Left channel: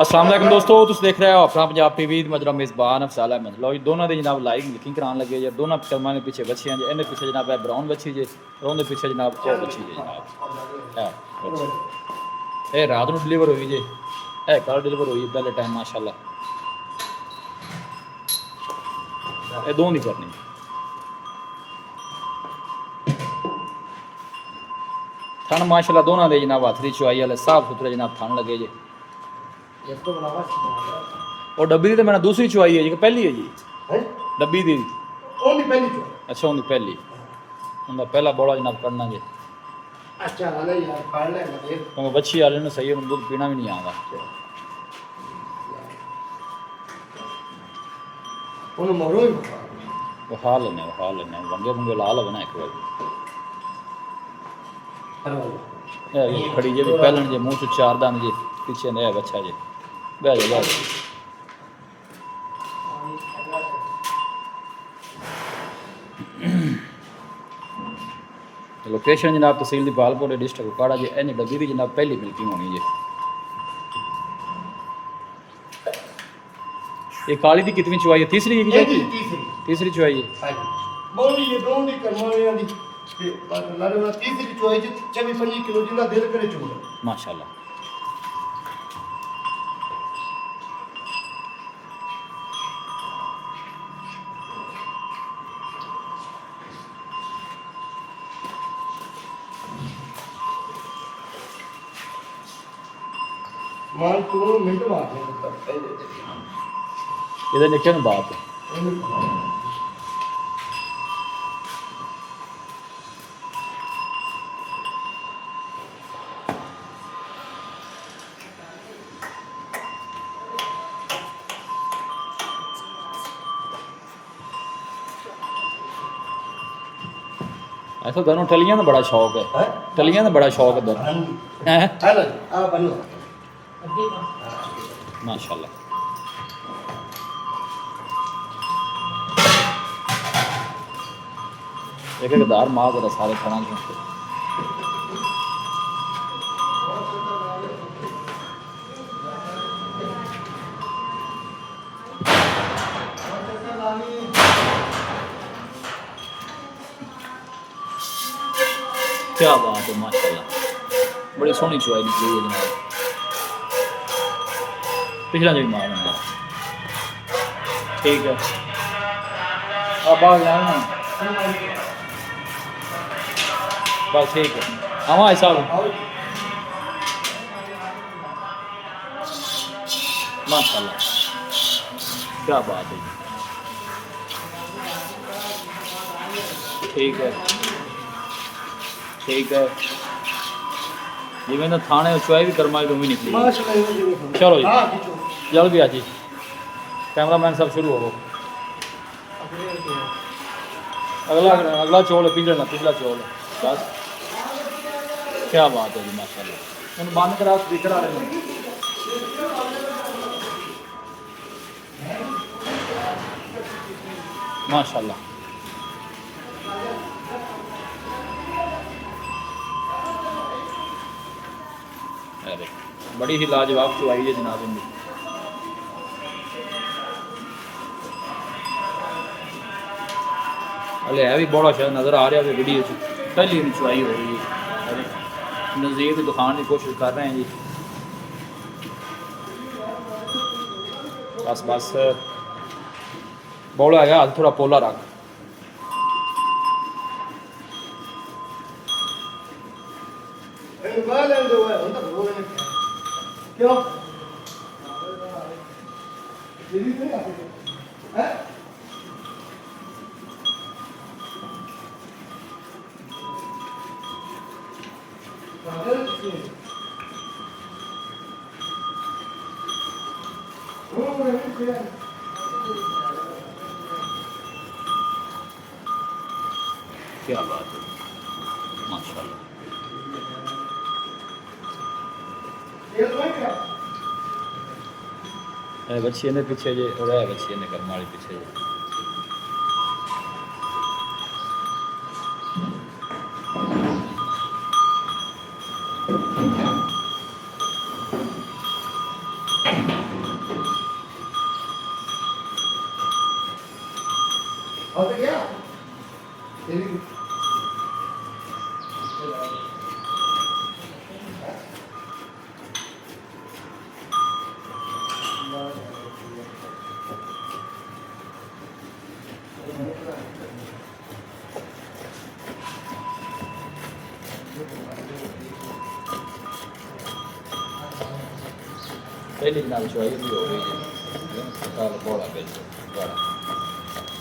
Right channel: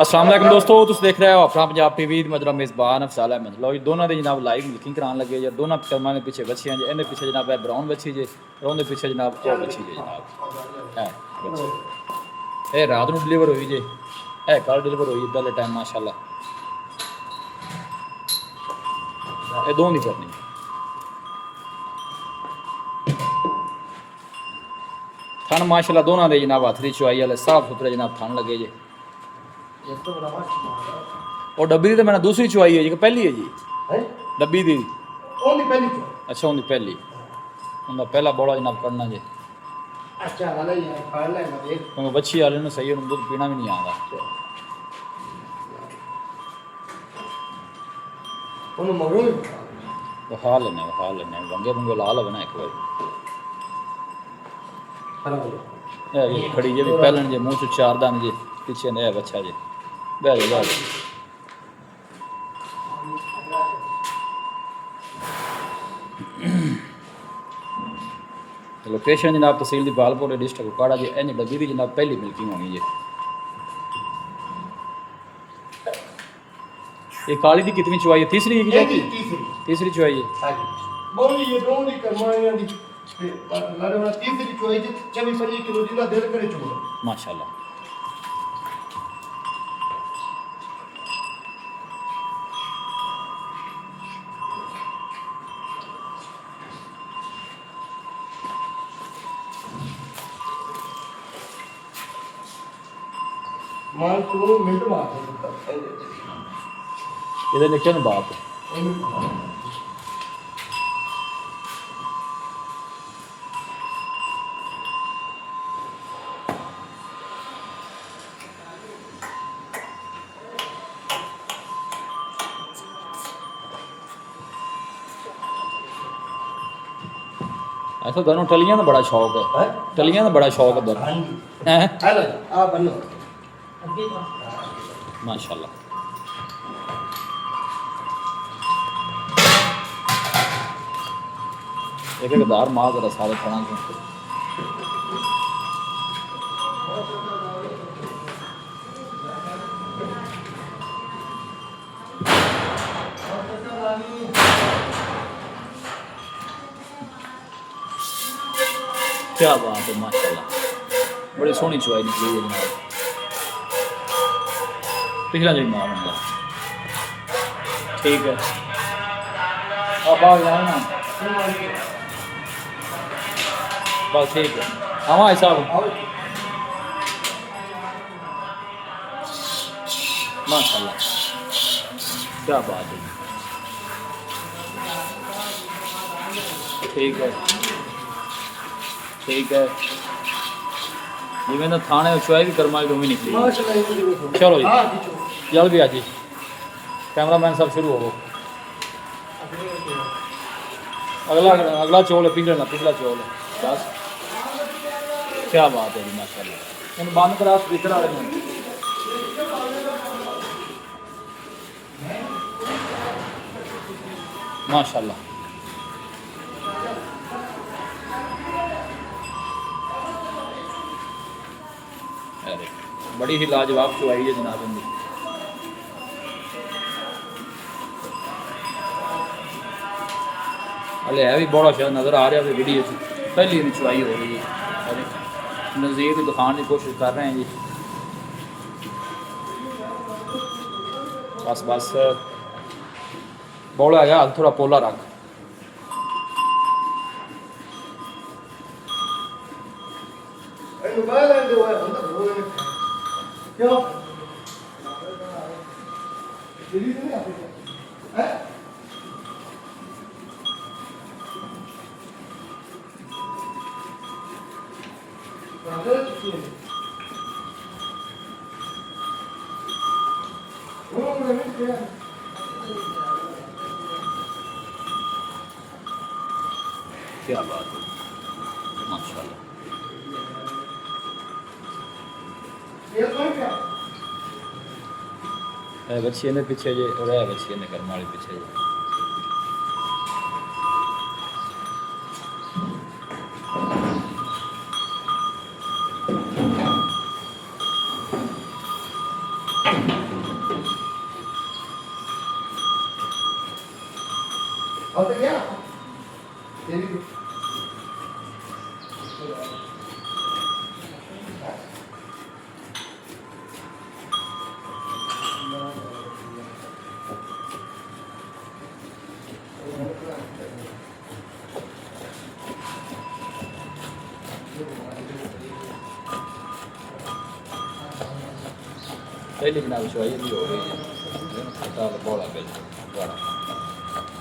अस्सलाम वालेकुम दोस्तों, तुम देख रहे हो अपना पंजाब टीवी मजरा मेज़बान अफसाल अहमद। लो जी दोनों के जनाब लाइव मिल्किंग कराने लगे जी। दोनों कर्मा ने पीछे बच्चियां जी, इन्हें पीछे जनाब है ब्राउन बच्ची जी, और उन्हें पीछे जनाब वो बच्ची जी जनाब है बच्ची। ये रात को डिलीवर हुई जी, है कल डिलीवर हुई पहले टाइम माशाल्लाह। ये दो नहीं करनी थन माशाल्लाह दोनों दे जनाब हाथरी चुआई वाले साफ सुथरे जनाब थन लगे जी। और डब्बी दी तो मैंने दूसरी चुआई है जी, पहली है जी डब्बी दी। अच्छा उनकी पहली उनका पहला बड़ा जनाब करना जी। क्योंकि बच्ची वाले ने सही है, दूध पीना भी नहीं आता। वो हाल लेने वंगे वंगे ला लो ना एक बार। ये खड़ी जे भी पहलन जे मुंह चो चार दान जे पीछे ने बच्चा जे बह जा लोकेशन जनाब तहसील दी बालपुर डिस्ट्रिक्ट उकाड़ा जी। इन डब्बी दी जनाब पहली मिल्किंग होनी जी। ये काली दी कितनी चुआई है? तीसरी है कि तीसरी चुआई है। माशाल्लाह ये निकल बात ऐसा दोनों टलियां का बड़ा शौक है, टलियां का बड़ा शौक है दोनों माशाल्लाह। एक एक दार मार जरा सारे खाना को क्या बात है माशाल्लाह, बड़ी सोहनी चुआई निकली है जनाब। पिछला जी मार बंदा ठीक है अब आ जाना बस ठीक है। हमारे साहब माशाल्लाह क्या बात है, ठीक है ठीक है जी। मैंने थाने चुआई भी कर्मा भी निकली। चलो जी जल्दी आ जी, कैमरा मैन सब शुरू हो। अगला अगला चौल है, पिछला चौल है बस। क्या बात है जी माशाल्लाह। मैंने बंद करा स्पीकर आ रहे हैं माशाल्लाह। अरे बड़ी ही लाजवाब चुआई है जनाब इनकी। अले है भी बड़ा शायद नज़र आ रहा है वीडियो पहली नहीं चुआई हो रही है। अरे नज़ीर को दिखाने की कोशिश कर रहे हैं जी। बस बस बौला है हाथ थोड़ा पोला रख। क्या बात है माशाल्लाह। बच्ची ने पीछे जे और है बच्ची ने कर्म वाली पीछे जे। और क्या तेरी पहले जनाब चुआई भी हो रही है साल बोला बिल्कुल बड़ा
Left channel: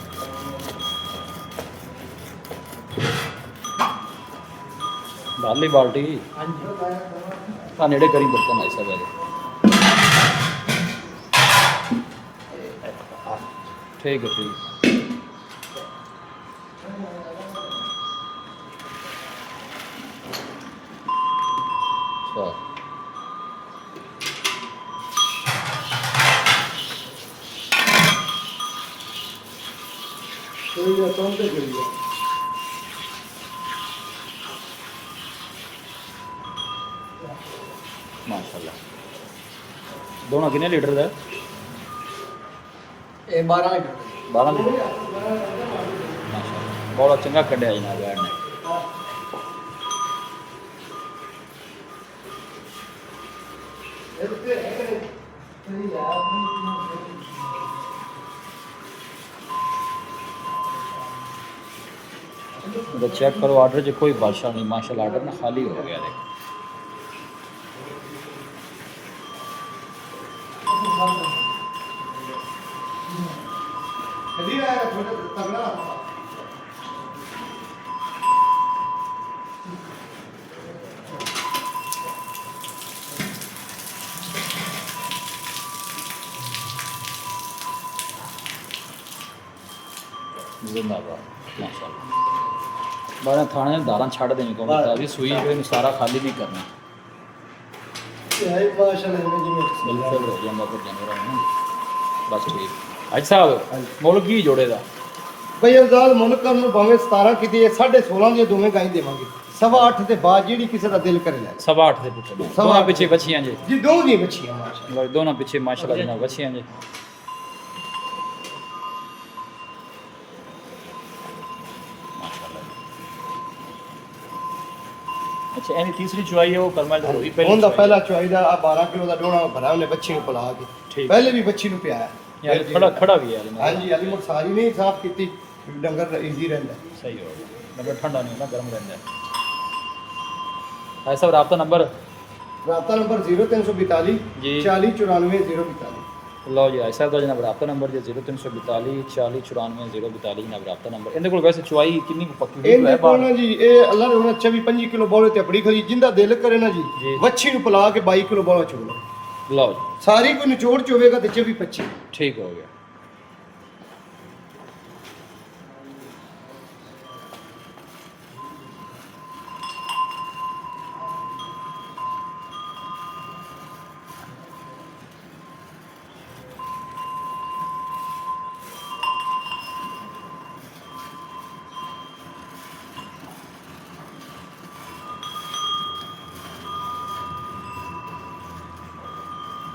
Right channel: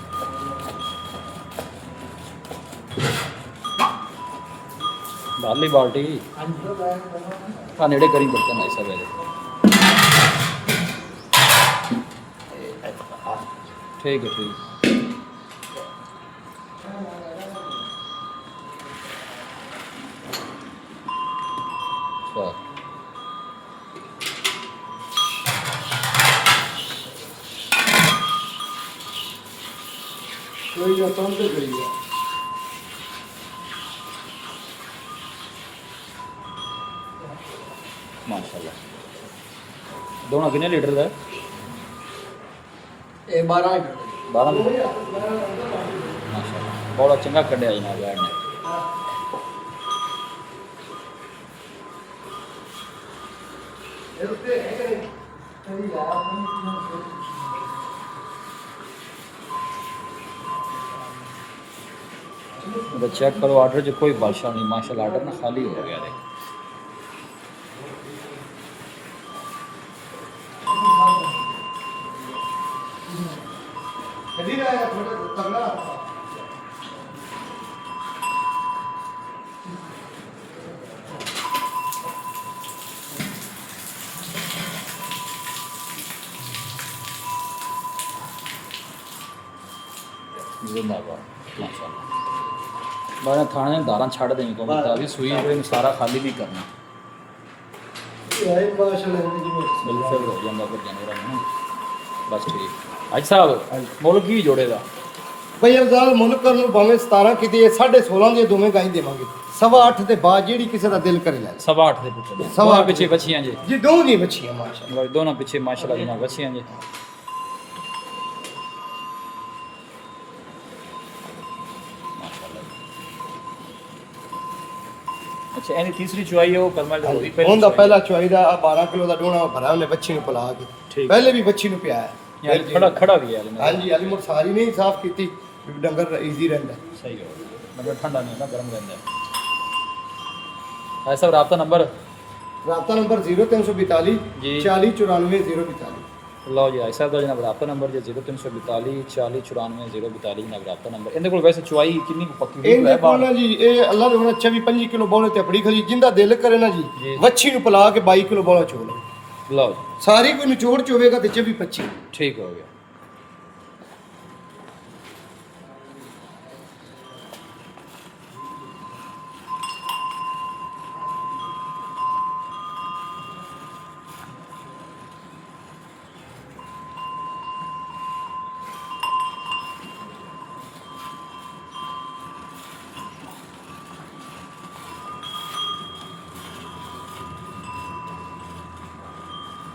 बाली बाल्टी हाँ नेड़े करी बर्तन ऐसा पहले ठीक है ठीक अच्छा कोई ना कौन से गई है माशाल्लाह दोनों कितने लीटर का ये 12 लीटर 12 लीटर माशाल्लाह बहुत चंगा कढ़िया जनाब यार ने तो चेक करो ऑर्डर जो कोई बादशाह नहीं माशाल्लाह ऑर्डर ना खाली हो गया है तगड़ा जिंदाबाद माशाल्लाह बारह थाने में दारां छड़ देनी को मतलब सुई जो सारा खाली नहीं करना यही माशाल्लाह में जी बिल्कुल हो जाता फिर जानवर ना बस ठीक आज साहब मुल्क की जोड़े दा भाई अफजाल मुल्क ਨੂੰ ਭਾਵੇਂ 17 ਕੀਤੀ 16.5 ਦੇ ਦੋਵੇਂ ਗਾਈ ਦੇਵਾਂਗੇ 8.5 ਦੇ ਬਾਅਦ ਜਿਹੜੀ ਕਿਸੇ ਦਾ ਦਿਲ ਕਰੇ ਲੈ 8.5 ਦੇ ਪੁੱਤ ਦੋਨਾਂ ਪਿੱਛੇ ਬੱਚੀਆਂ ਜੇ ਜੀ ਦੋਵੇਂ ਦੀ ਬੱਚੀਆਂ ਮਾਸ਼ਾਅੱਲਾ ਦੋਨਾਂ ਪਿੱਛੇ ਮਾਸ਼ਾਅੱਲਾ ਜਨਾਬ ਬੱਚੀਆਂ ਜੇ माशाल्लाह अच्छा यानी तीसरी चुआई है वो करमल होई पहले ਉਹਦਾ ਪਹਿਲਾ ਚੁਆਈ ਦਾ 12 ਕਿਲੋ ਦਾ ਡੋਣਾ ਭਰਾ ਉਹਨੇ ਬੱਚੀ ਨੂੰ ਪਿਲਾ ਕੇ ਠੀਕ। ਪਹਿਲੇ ਵੀ ਬੱਚੀ ਨੂੰ ਪਿਆਇਆ यार खड़ा खड़ा भी है यार ਹਾਂਜੀ ਅਲੀ ਮੁਰ ਸਾਰੀ ਨਹੀਂ ਸਾਫ਼ ਕੀਤੀ ਡੰਗਰ ਈਜ਼ੀ ਰਹਿੰਦਾ सही हो मतलब ठंडा नहीं होता गर्म रहता है ऐसा राब्ता नंबर ਰਾਬਤਾ ਨੰਬਰ 0342 जी 40 94 042 लो जी ऐसा ਦਾ ਜਨਾਬ ਰਾਬਤਾ ਨੰਬਰ ਜੇ 0342 40 94 042 ਜਨਾਬ ਰਾਬਤਾ ਨੰਬਰ ਇਹਦੇ ਕੋਲ ਵੈਸੇ ਚੁਆਈ ਕਿੰਨੀ ਕੁ ਪੱਕੀ ਹੋਈ ਇਹ ਹੈ ਬਾਹਰ ਨਾ ਜੀ ਇਹ ਅੱਲਾਹ ਦੇ 24 25 ਕਿਲੋ ਬੋਲੇ ਤੇ ਬੜੀ ਖਲੀ ਜਿੰਦਾ ਦਿਲ ਕਰੇ ਨਾ ਜੀ। ਜੀ ਵੱਛੀ ਨੂੰ ਪਿਲਾ ਕੇ 22 ਕਿਲੋ ਬੋਲਾ ਚੋਲ लो जी ਸਾਰੀ ਕੋਈ ਨਿਚੋੜ ਚ ਹੋਵੇਗਾ ਤੇ 24 25 ठीक हो गया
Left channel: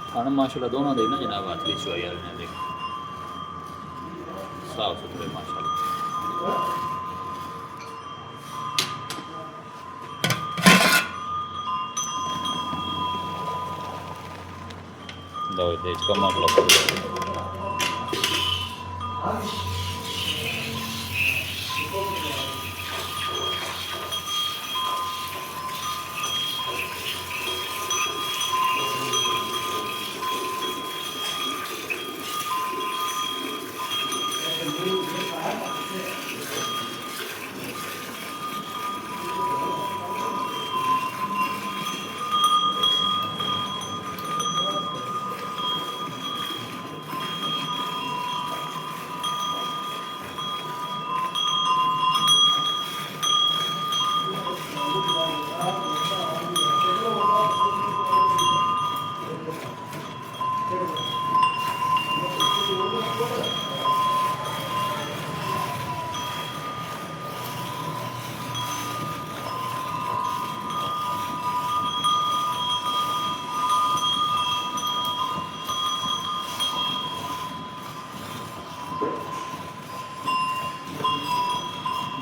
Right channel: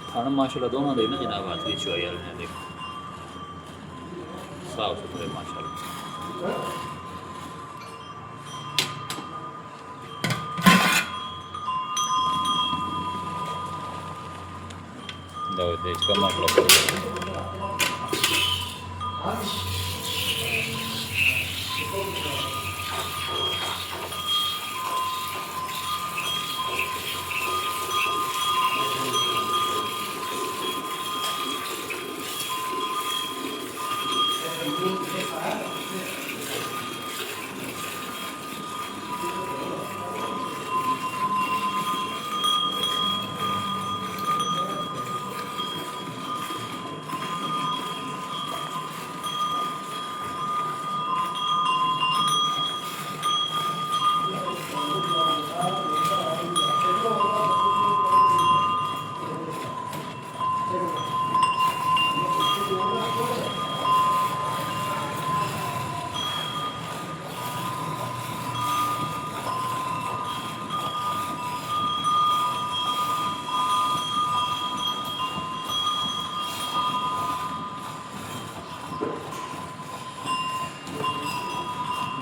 खाना माशाल्लाह दोनों दे ना जनाब हाथ की चुआई वाले ने देखो साफ सुथरे माशाल्लाह लो देख का माशाल्लाह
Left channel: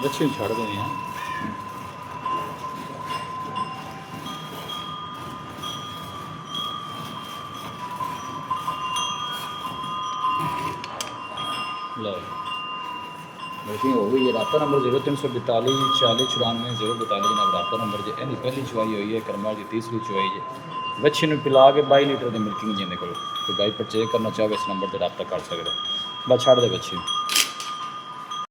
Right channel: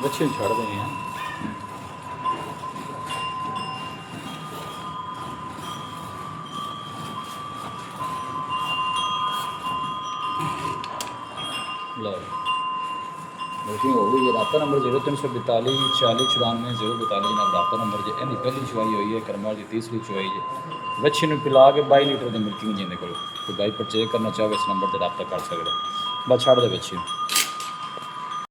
ਬੱਚੇ ਨੂੰ ਛੱਡ ਦੇਣੇ ਆ। ਲਓ ਬੁਕਿੰਗ ਹੋ ਗਈ ਹੈ। ਰਾਬਤਾ ਨੰਬਰ 0342 40 94 042 ਜਨਾਬ ਰਾਬਤਾ ਨੰਬਰ ਜੇ। ਇਹਦੀ ਪਹਿਲੀ ਚੁਆਈ ਹੋਈ ਹੈ ਕਰਮਾਲ ਦੀ, ਤੀਸਰੀ ਚੁਆਈ ਜੇ। ਬੱਚੇ ਨੂੰ ਪਿਲਾ ਕੇ 22 ਲੀਟਰ ਦੀ ਮਿਲਕਿੰਗ ਜਿਹਦੇ ਕੋਲ ਕੋਈ ਗਾਈ ਪਰਚੇਜ ਕਰਨਾ ਚਾਹਵੇ ਇਸ ਨੰਬਰ ਤੇ ਰਾਬਤਾ ਕਰ ਸਕਦਾ। ਬਸ ਛੱਡ ਦੇ ਬੱਚੇ ਨੂੰ।